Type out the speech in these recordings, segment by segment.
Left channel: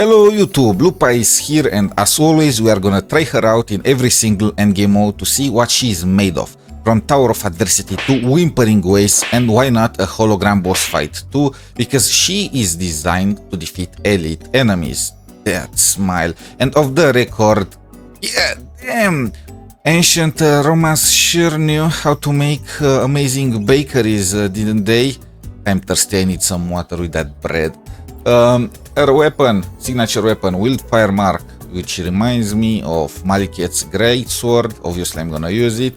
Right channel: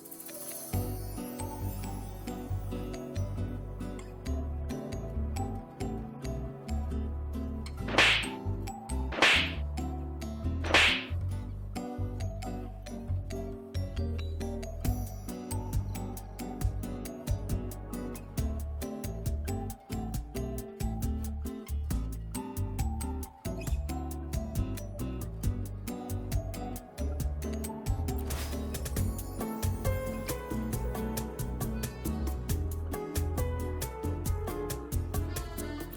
Hello YouTube, Lupa is here, and as always we are gonna try her out in every single endgame mode to see what she is made of. From Tower of Adversity to Whimpering Wastes, and why not a hologram boss fight too, because she is designed to defeat elite enemies. That smile. And of the record, yeah, damn! Ancient Romans sure knew how to make amazing bakeries, didn't they? I'm thirsty, I need some water with that bread. Her weapon, signature weapon, Wildfire Mark, which reminds me of Maliketh's great sword. Obviously I'm gonna use it.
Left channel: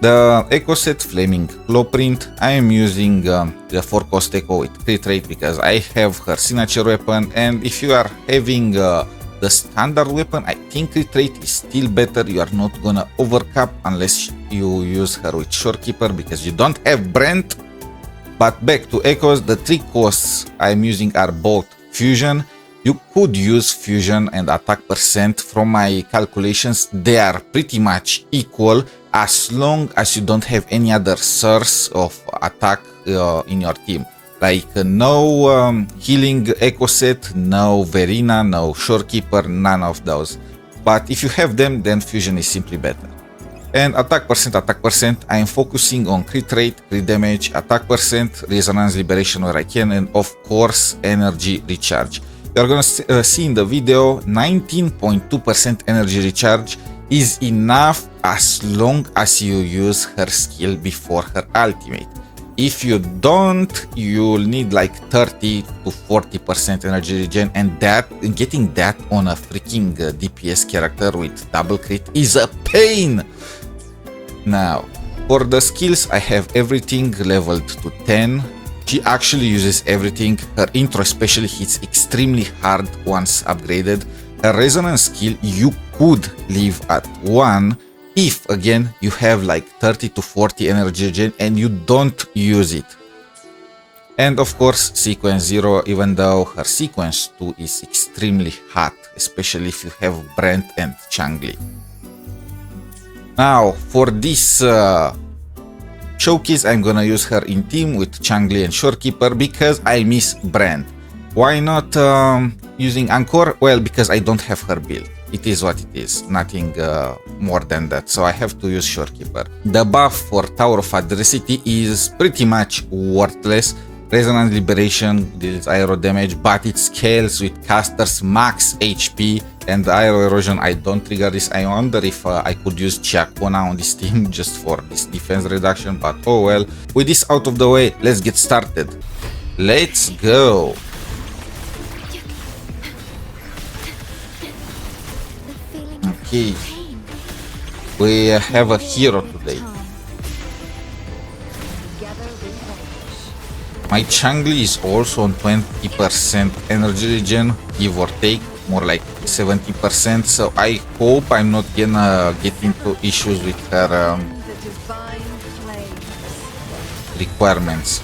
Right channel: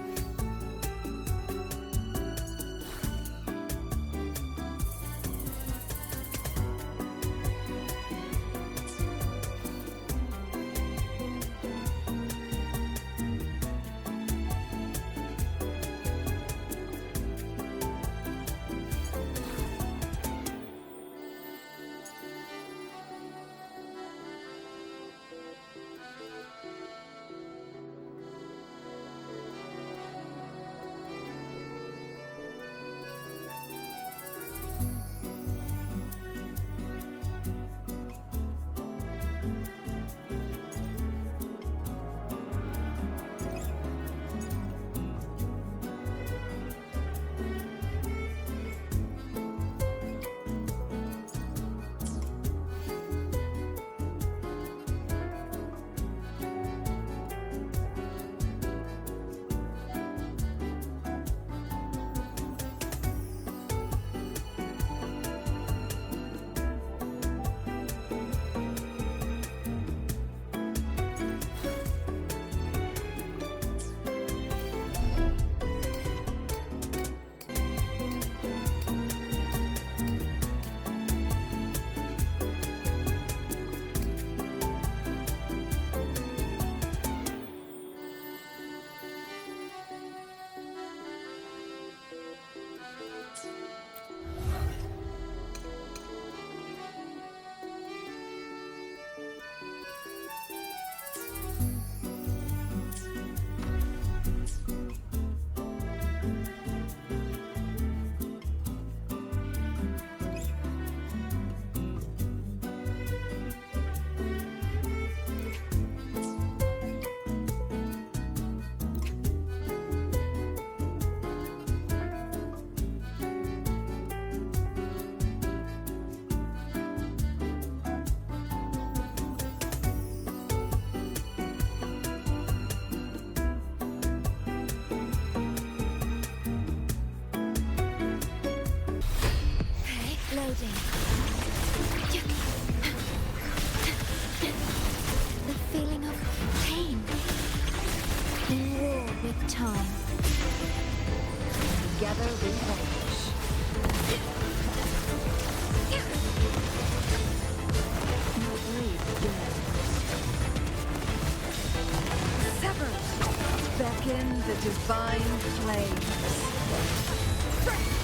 The Echo Set Flaming Blueprint, I am using the 4-cost Echo with crit rate because I have her signature weapon, and if you are having the standard weapon, I think crit rate is still better. You are not gonna overcap unless you use her with Shorekeeper because you don't have Brant. But back to Echoes, the 3 costs I'm using are both Fusion. You could use Fusion and attack percent. From my calculations, they are pretty much equal as long as you don't have any other source of attack in your team. Like no healing Echo Set, no Verina, no Shorekeeper, none of those. But if you have them, then Fusion is simply better. And attack percent, I am focusing on crit rate, crit damage, attack percent, resonance liberation where I can, and of course energy recharge. You are gonna see in the video 19.2% energy recharge is enough as long as you use her skill before her ultimate. If you don't, you'll need like 30 to 40% energy regen, and getting that on a freaking DPS character with double crit is a pain. Now, for the skills, I have everything leveled to 10. She actually uses everything. Her intro especially hits extremely hard once upgraded. Her resonance skill you could leave at 1 if, again, you have like 30 to 40 energy regen and you don't use it. And of course, sequence 0, even though her sequence 2 is extremely hot, especially if you have Brant and Changli. Now, for this showcase, I'm gonna use her in team with Changli and Shorekeeper because I miss Brant. Why not using Encore? Well, because I don't have her build. It is what it is, nothing more than that, so I have to use Shorekeeper. The buff for Tower of Adversity is pretty much worthless. Resonance Liberation deals aero damage, but it scales with caster's max HP, and the aero erosion, I don't trigger this. I wonder if I could use 𝗖cie𝗽𝗆𝗵𝗵 on this team just for this defense reduction, but oh well. With this out of the way, let's get started. Let's go! Okay, we have a hero today. My Changli is also on 20% energy regen, give or take, more like 70%, so I hope I'm not gonna get into issues with her requirements.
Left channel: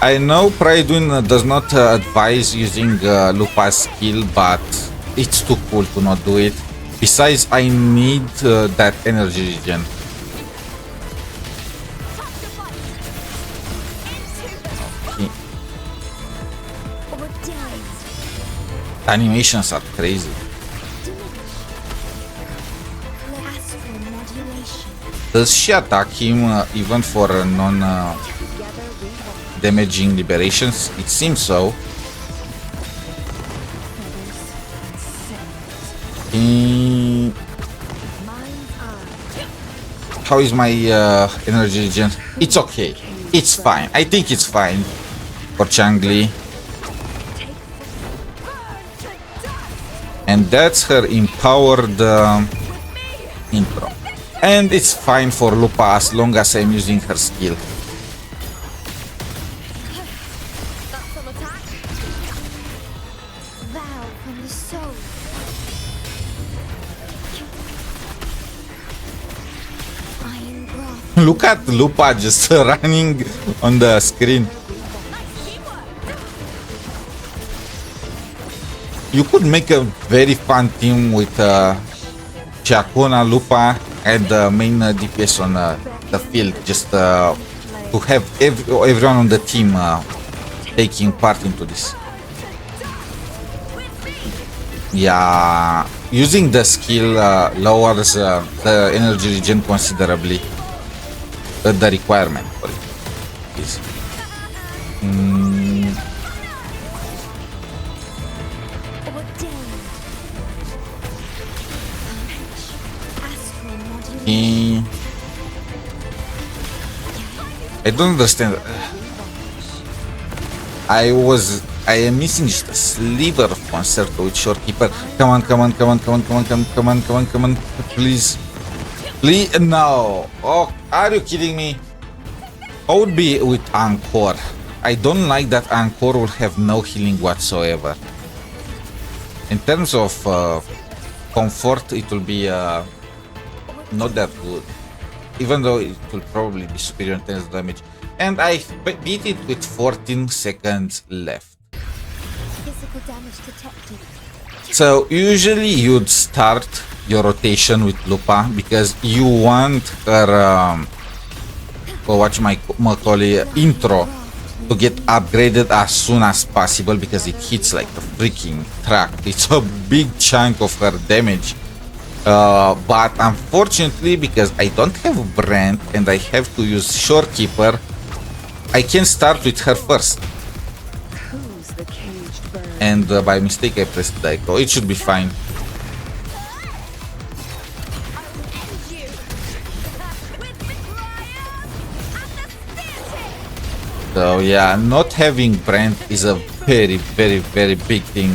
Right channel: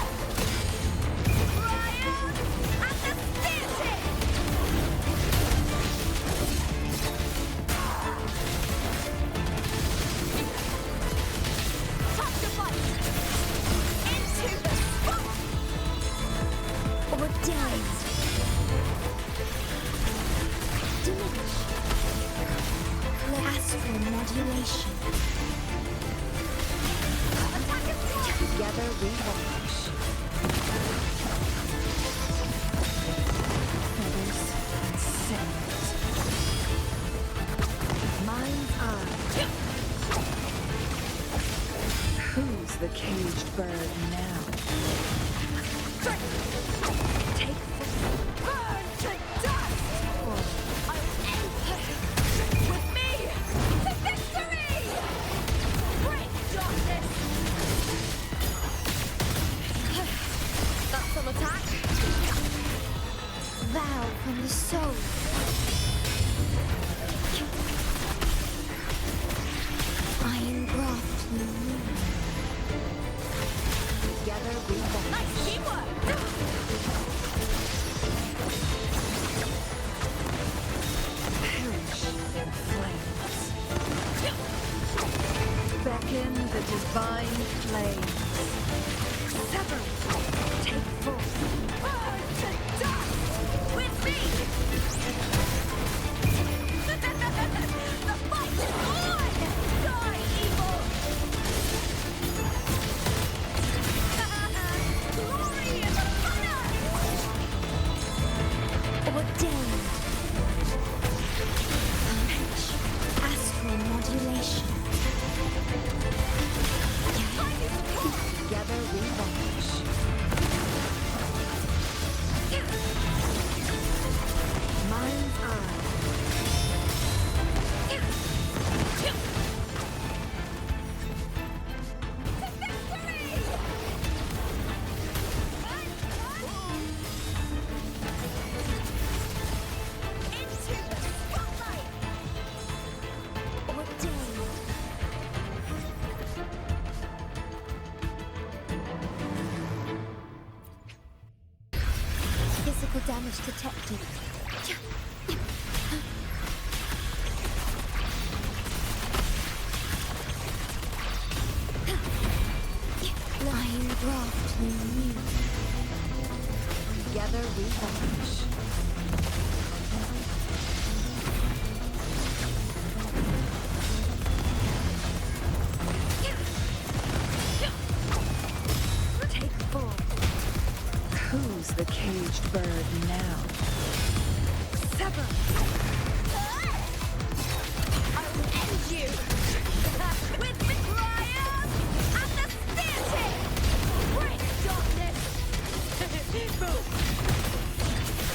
I know Pride does not advise using Lupa's skill, but it's too cool to not do it. Besides, I need that energy regen. Animations are crazy. Does she attack him even for non-damaging liberations? It seems so. How is my energy regen? It's okay. It's fine. I think it's fine for Changli. And that's her empowered intro. And it's fine for Lupa as long as I'm using her skill. Look at Lupa just running on the screen. You could make a very fun team with 𝗖cie𝗽𝗆𝗵𝗵, Lupa, and the main DPS on the field, just to have everyone on the team taking part into this. Yeah, using the skill lowers the energy regen considerably. The requirement. I don't understand. I am missing just a sliver of concept with Shorekeeper. Come on, please. Please, no. Oh, are you kidding me? I would be with Encore. I don't like that Encore will have no healing whatsoever. In terms of comfort, it will be not that good. Even though it will probably be superior in terms of damage. And I beat it with 14 seconds left. Physical damage detected. So usually you'd start your rotation with Lupa because you want her intro to get upgraded as soon as possible because it hits like a freaking truck. It's a big chunk of her damage. But unfortunately, because I don't have Brant and I have to use Shorekeeper, I can start with her first. And by mistake I pressed the echo. It should be fine. So yeah, not having Brant is a very big thing.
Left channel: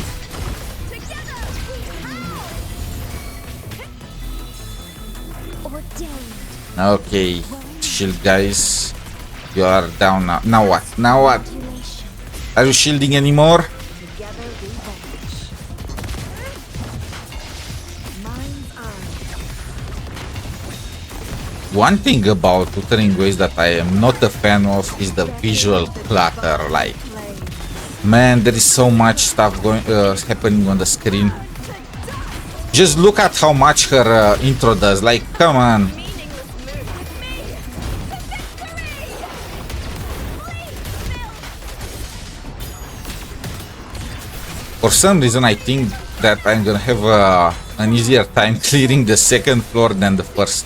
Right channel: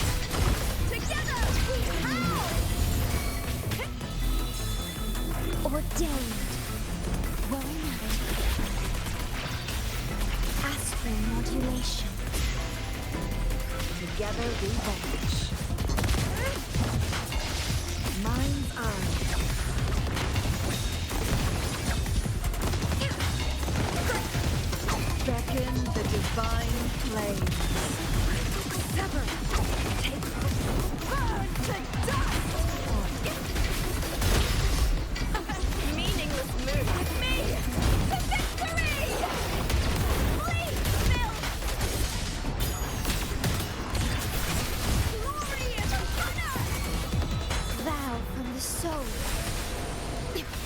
Okay, shield guys. You are down now. Now what? Now what? Are you shielding anymore? One thing about Wuthering Wastes that I am not a fan of is the visual clutter. Like, man, there is so much stuff happening on the screen. Just look at how much her intro does. Like, come on. For some reason, I think that I'm gonna have an easier time clearing the second floor than the first.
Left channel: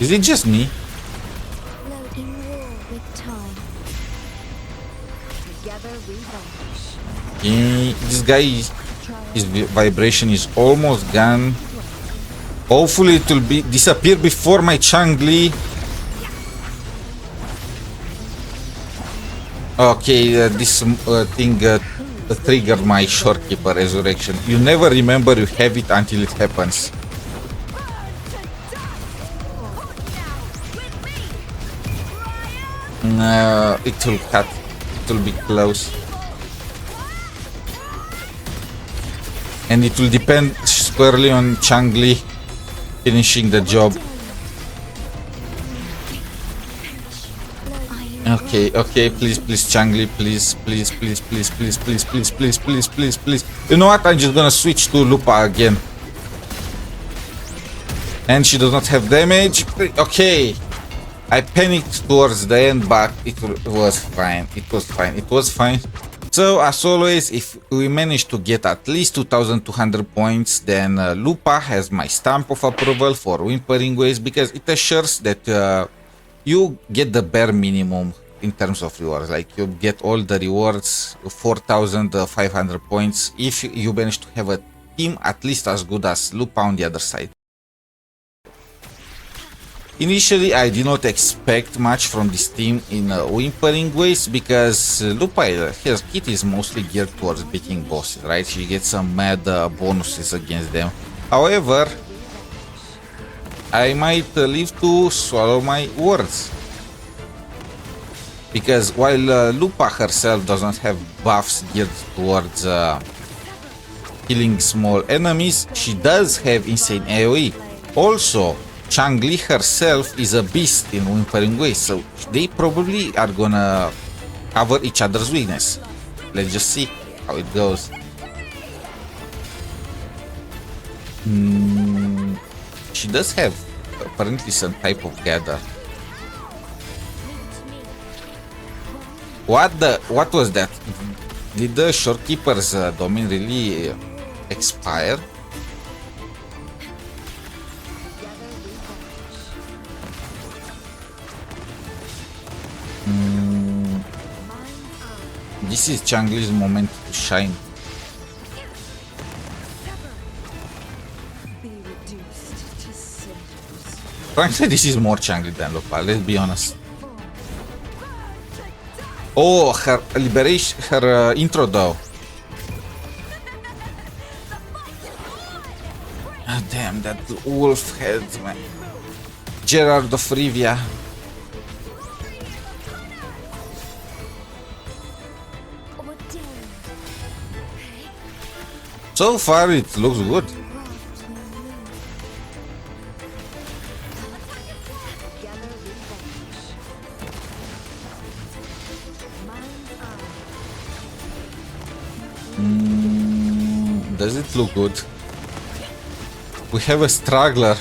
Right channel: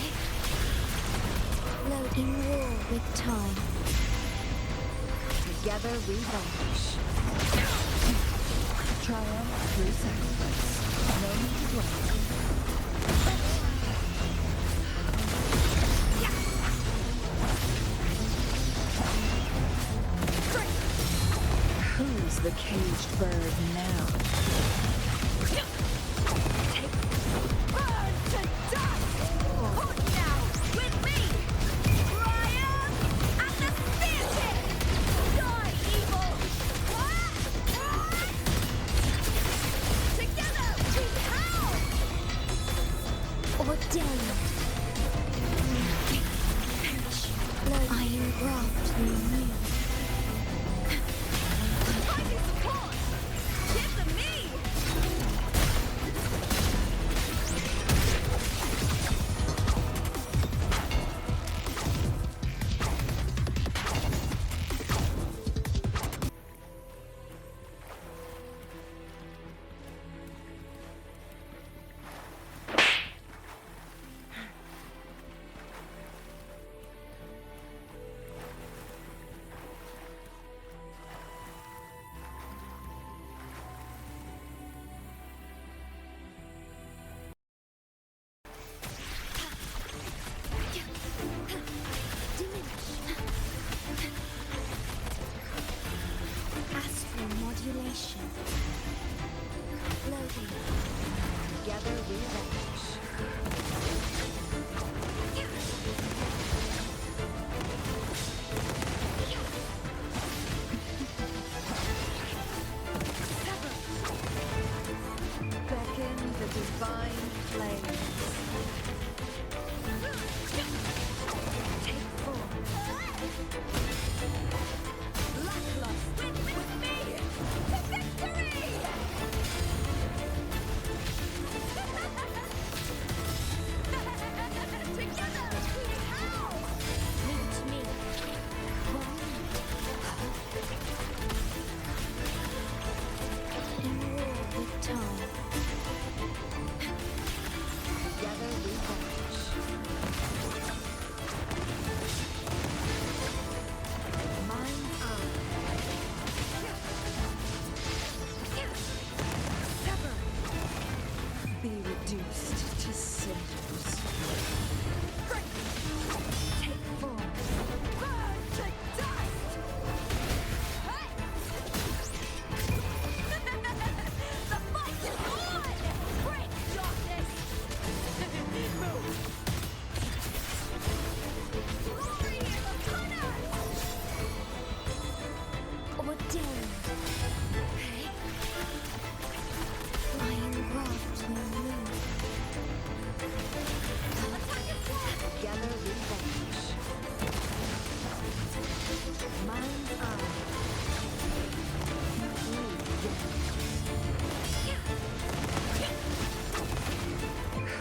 Is it just me? This guy, his vibration is almost gone. Hopefully it will disappear before my changli. Okay, this thing triggered my Shorekeeper resurrection. You never remember you have it until it happens. It will cut. It will be close. And it will depend squarely on changli finishing the job. Okay, please, changli, please. You know what? I'm just gonna switch to Lupa again. And she does not have damage. Okay. I panicked towards the end, but it was fine. It was fine. So, as always, if we manage to get at least 2,200 points, then Lupa has my stamp of approval for Whimpering Wastes because it assures that you get the bare minimum in terms of rewards. Like, you get all the rewards, 4,500 points, if you manage to have a team at least as good as Lupa on the other side. Initially, I did not expect much from this team in Whimpering Wastes because Lupa, her kit is mostly geared towards beating bosses, right? She gets some mad bonuses against them. However, I might live to swallow my words. Because while Lupa herself doesn't have buffs geared towards killing small enemies, she does have insane AoE. Also, Changli herself is a beast in Whimpering Wastes, so they probably are gonna cover each other's weakness. Let's just see how it goes. She does have apparently some type of gather. What was that? Did the Shorekeeper's domain really expire? This is Changli's moment to shine. Frankly, this is more Changli than Lupa, let's be honest. Oh, her liberation, her intro though. Oh, damn, that wolf head, man. Gerard of Rivia. So far, it looks good. Does it look good? We have a struggler.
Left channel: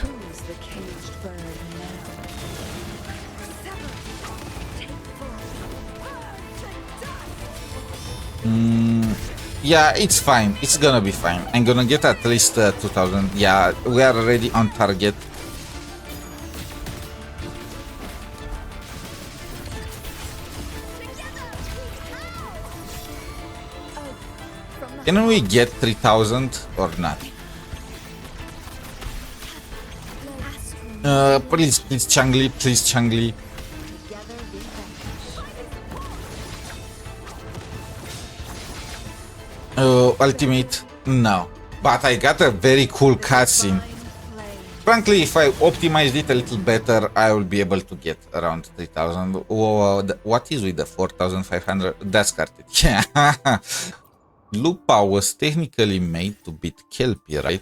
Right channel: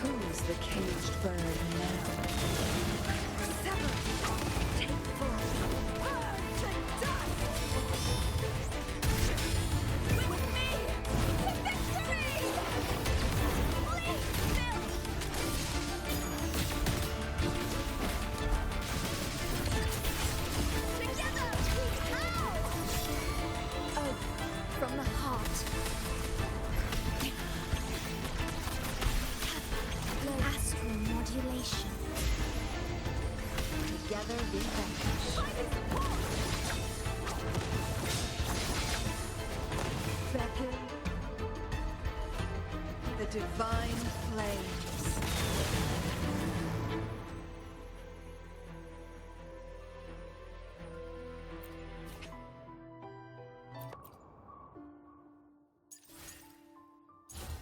Yeah, it's fine. It's gonna be fine. I'm gonna get at least 2000. Yeah, we are already on target. Can we get 3000 or not? Please, Changli, please, Changli. Ultimate, no. But I got a very cool cutscene. Frankly, if I optimized it a little better, I will be able to get around 3000. What is with the 4500? That's carted. Yeah. Lupa was technically made to beat Kelpie, right?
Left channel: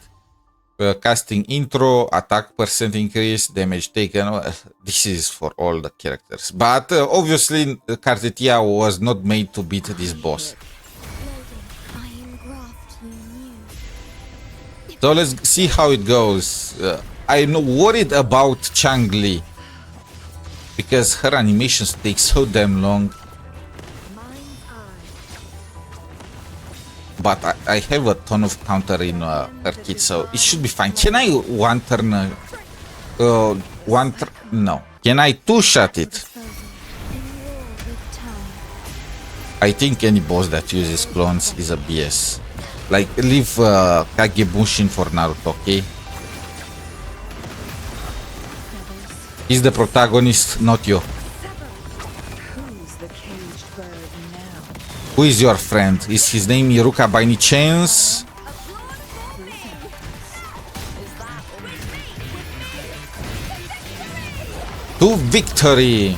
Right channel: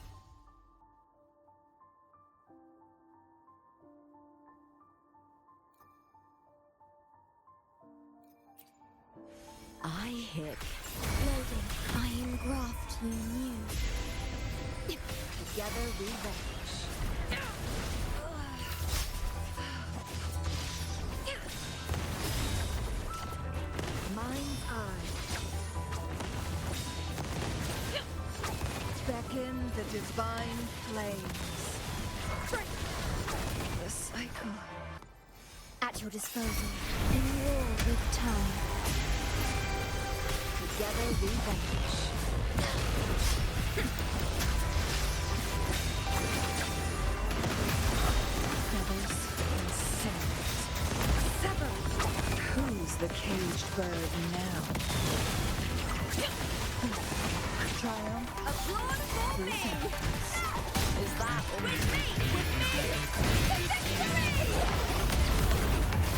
Casting intro, attack percent increase, damage taken. This is for all the characters. But obviously, Cartetia was not made to beat this boss. So let's see how it goes. I'm worried about Changli because her animations take so damn long. But I have a ton of counter in her kit, so it should be fine. Can I one turn? No. Can I two-shot it? I think any boss that uses clones is a BS. Like, leave Kagebushin for Naruto, okay? He's the protagonist, not you. Who is your friend? Is his name Iruka by any chance? To victory!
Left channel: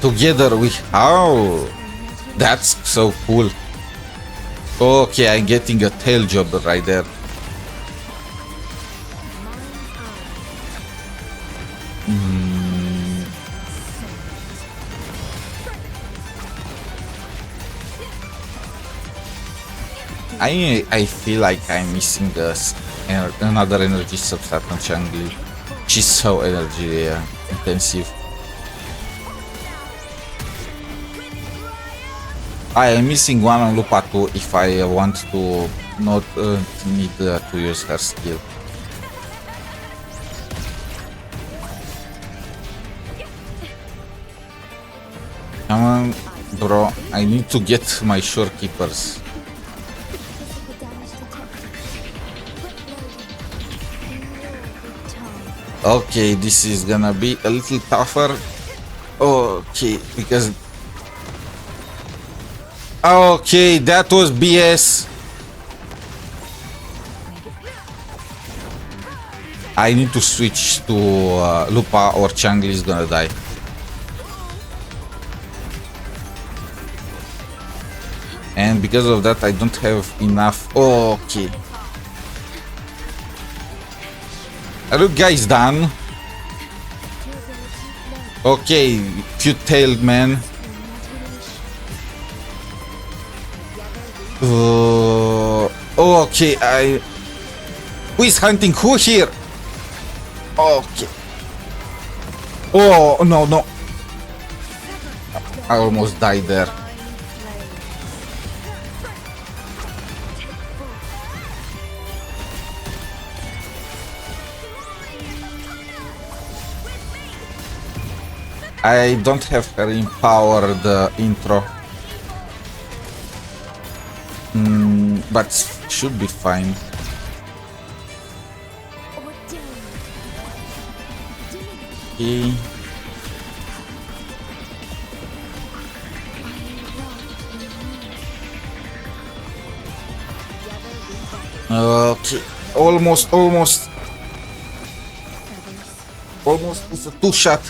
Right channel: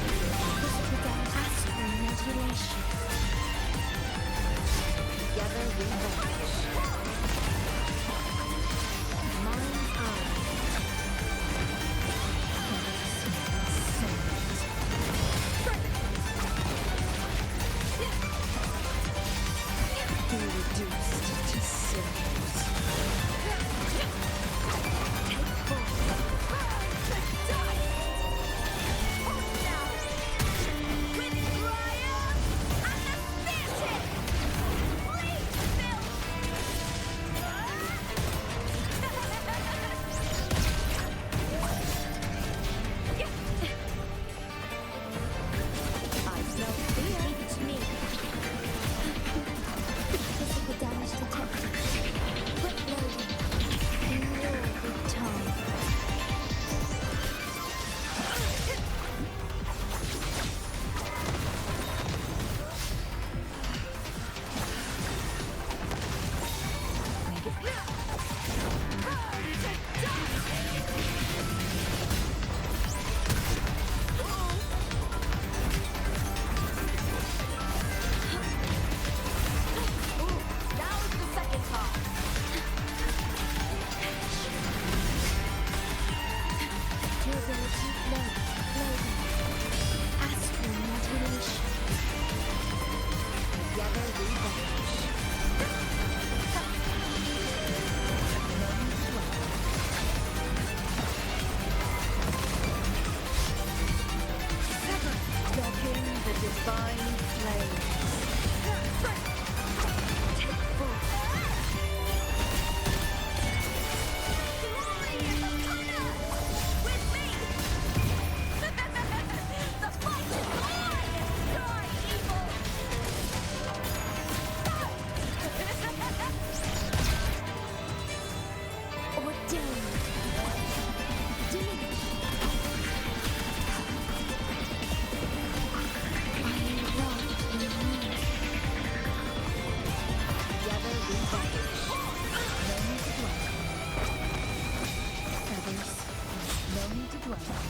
Together we... Oh! That's so cool. Okay, I'm getting a tail job right there. I feel like I'm missing another energy substrat on Changli. She's so energy intensive. I am missing one on Lupa too if I want to not need to use her skill. Come on, bro, I need to get my Shorekeepers. Okay, this is gonna be a little tougher. Okay, because... Okay, that was BS. I need to switch to Lupa or Changli is gonna die. And because of that, I don't have enough. Okay. Are you guys done? Okay, cute-tailed man. Okay, Who is hunting who here? Okay. Oh, no, no. I almost died there. I don't have her empowered intro. But should be fine. Okay. Okay. Almost. It's a two-shot.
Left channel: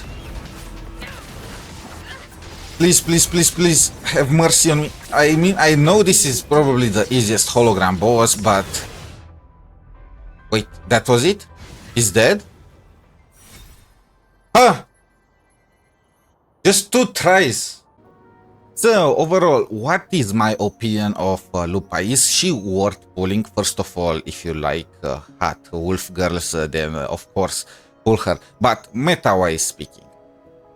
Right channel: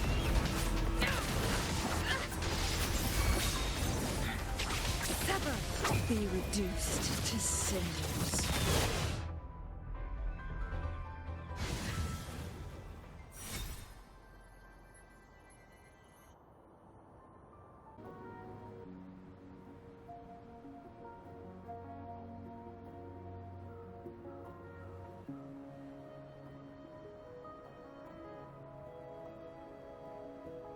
Please, have mercy on me. I mean, I know this is probably the easiest hologram boss, but... Wait, that was it? He's dead? Huh! Just 2 tries. So, overall, what is my opinion of Lupa? Is she worth pulling? First of all, if you like hot wolf girls, then of course, pull her. But meta-wise speaking,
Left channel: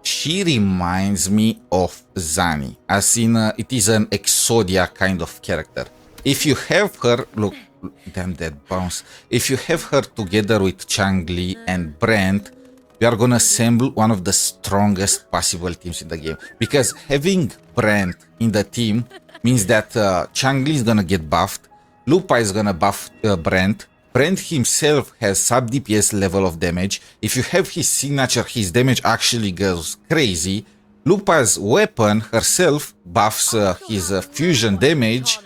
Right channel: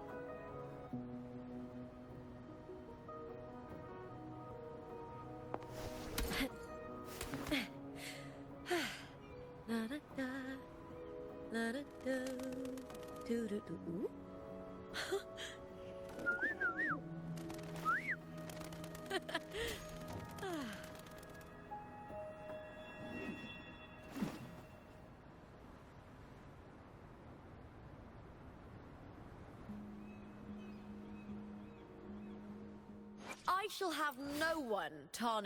she reminds me of 𝗖cie, as in it is an 𝗖cie𝗽𝗆𝗵𝗵 kind of character. If you have her, look, damn that bounce. If you have her together with changli and Brant, we are gonna assemble one of the strongest possible teams in the game. Because having Brant in the team means that changli is gonna get buffed, Lupa is gonna buff Brant. Brant himself has sub DPS level of damage. If you have his signature, his damage actually goes crazy. Lupa's weapon herself buffs his fusion damage.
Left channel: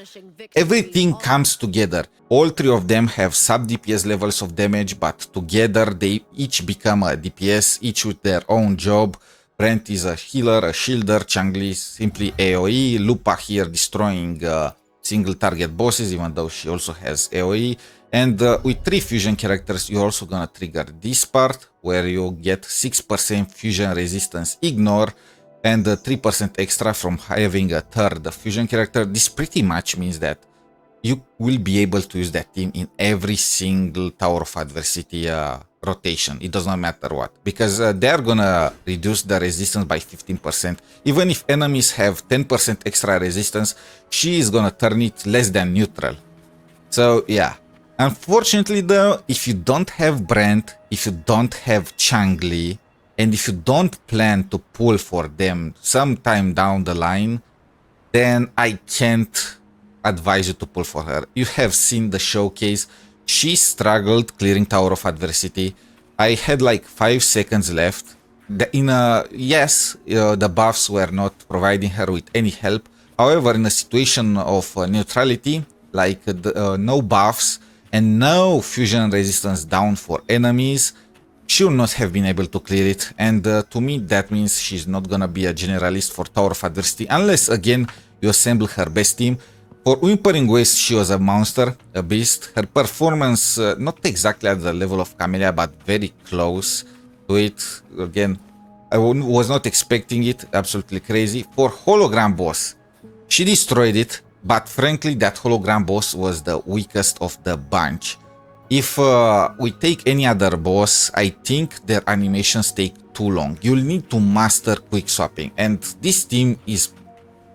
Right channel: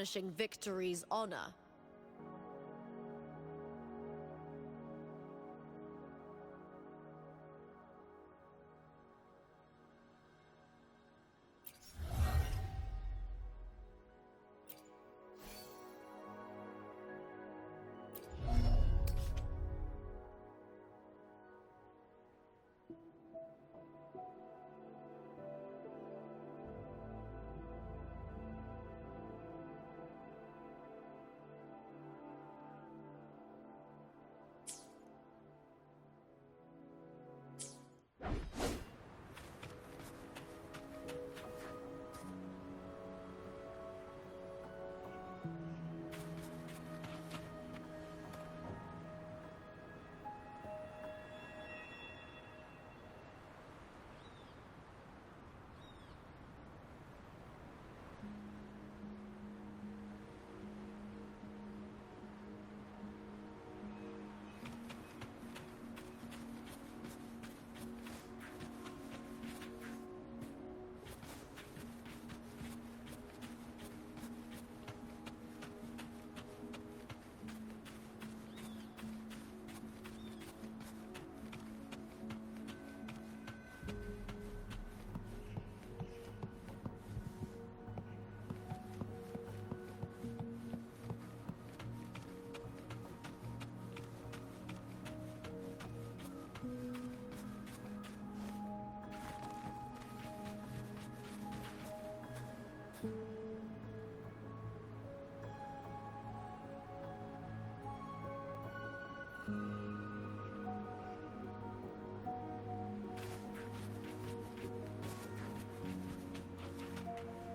Everything comes together. All 3 of them have sub DPS levels of damage, but together they each become a DPS, each with their own job. Brant is a healer, a shielder, changli is simply AoE, Lupa here destroying single target bosses, even though she also has AoE. And with 3 fusion characters, you're also gonna trigger this part, where you get 6% fusion resistance ignore, and 3% extra from having a 3rd fusion character. This pretty much means that you will be able to use that team in every single Tower of Adversity rotation. It does not matter what, because they're gonna reduce the resistance by 15%. Even if enemies have 10% extra resistance, she is gonna turn it less than neutral. So yeah. Unfortunately though, if you don't have Brant, if you don't have changli, and if you don't plan to pull for them sometime down the line, then I can't advise you to pull for her. You have seen the showcase. She struggled clearing Tower of Adversity. I had like 5 seconds left. Yes, the buffs were not providing her with any help. However, in a situation of neutrality, like no buffs, and no fusion resistance down for enemies, she will not have been able to clear it. And to me, that means she's not gonna be a generalist for Tower of Adversity, unless again you assemble her best team. For Whimpering Wastes, she was a monster, a beast. Her performance, not exactly at the level of 𝗖cie𝗽𝗆𝗵𝗵, but very close to it. Again, I was not expecting it, absolutely crazy. For Hologram Boss, she destroyed it. But frankly, that hologram boss was the weakest of the bunch. If we take any other boss, I think their animations take too long. You'll need to master quick swapping. And this team is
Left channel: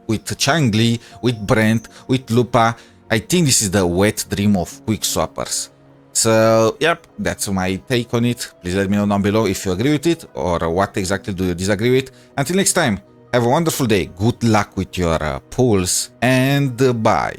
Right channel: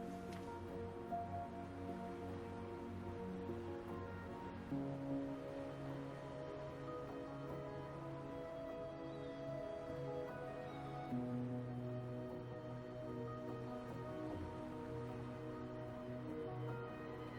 with changli, with Brant, with Lupa. I think this is the wet dream of quick swappers. So, yep, that's my take on it. Please let me know down below if you agree with it or what exactly do you disagree with. Until next time. Have a wonderful day, good luck with your pulls, and bye.